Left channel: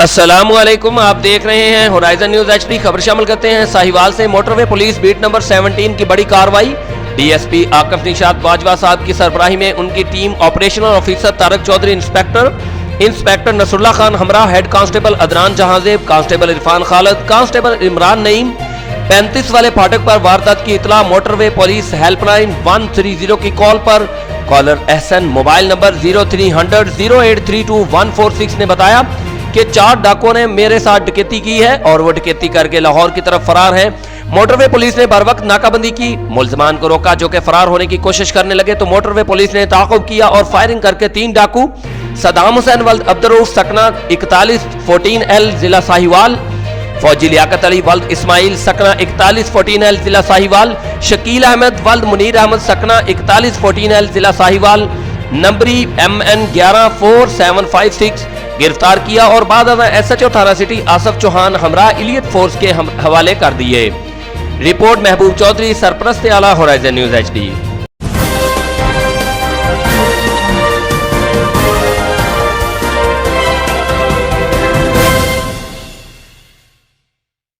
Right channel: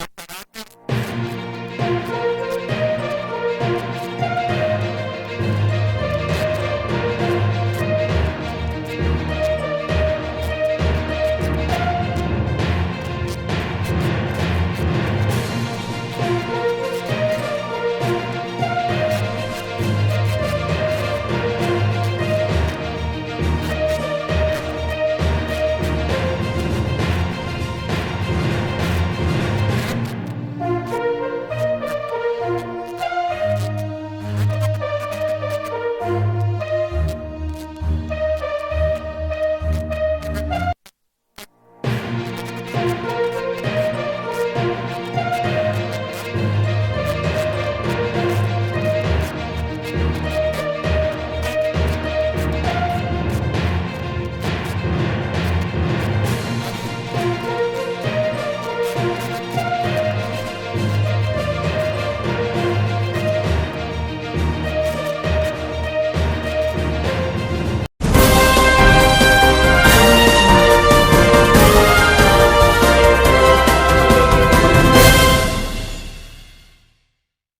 السلام علیکم، آپ دیکھ رہے ہیں ہورائزن نیوز ایچ ڈی۔ خبر شامل کرتے ہیں ساہیوال سے۔ Motorway police beat number 17 کی بڑی کاروائی۔ D S P Akif Nishad Bajwa صاحب کی سربراہی میں ان کی team operational officer Tariq Chaudhry, inspector Nasr Ullah Khan ہمراہ، head constable Adnan Jahanzeb, constable Irfan Khalid, constable Imran Naeem. 35 والے پھاٹک پر واردات کی اطلاع motorway police helpline 130 کی کال پر کالر احسن موبائل نمبر 0300 0832 نے بتایا کہ 4 ڈاکوؤں نے میرے ساتھ ڈکیتی کی ہے اور وہ ڈکیتی کر کے لاہور کی طرف فرار ہیں۔ موٹر وے پولیس نے بر وقت ناکہ بندی کی، ملزمان کو روکا جو کہ فرار ہونے کی کوشش کرنے لگے تو موٹر وے پولیس نے تعاقب کیا اور فائرنگ کر کے 3 ڈاکو صدام حسین ولد عبدالرؤف سکنہ 4114L ضلع ساہیوال، فوجی لیاقت علی ولد اسماعیل سکنہ 4114L ضلع ساہیوال، شکیل احمد ولد منیر احمد سکنہ 4114L ضلع ساہیوال، نمبری MN 1145756 گرفتار کیا اور بعد ازاں SHO تھانہ سٹی آصف چوہان ہمراہ ایلیٹ فورس کے حوالے کر دیے۔ رپورٹ محبوب چودھری، سرپرست اعلیٰ ہورائزن نیوز ایچ ڈی۔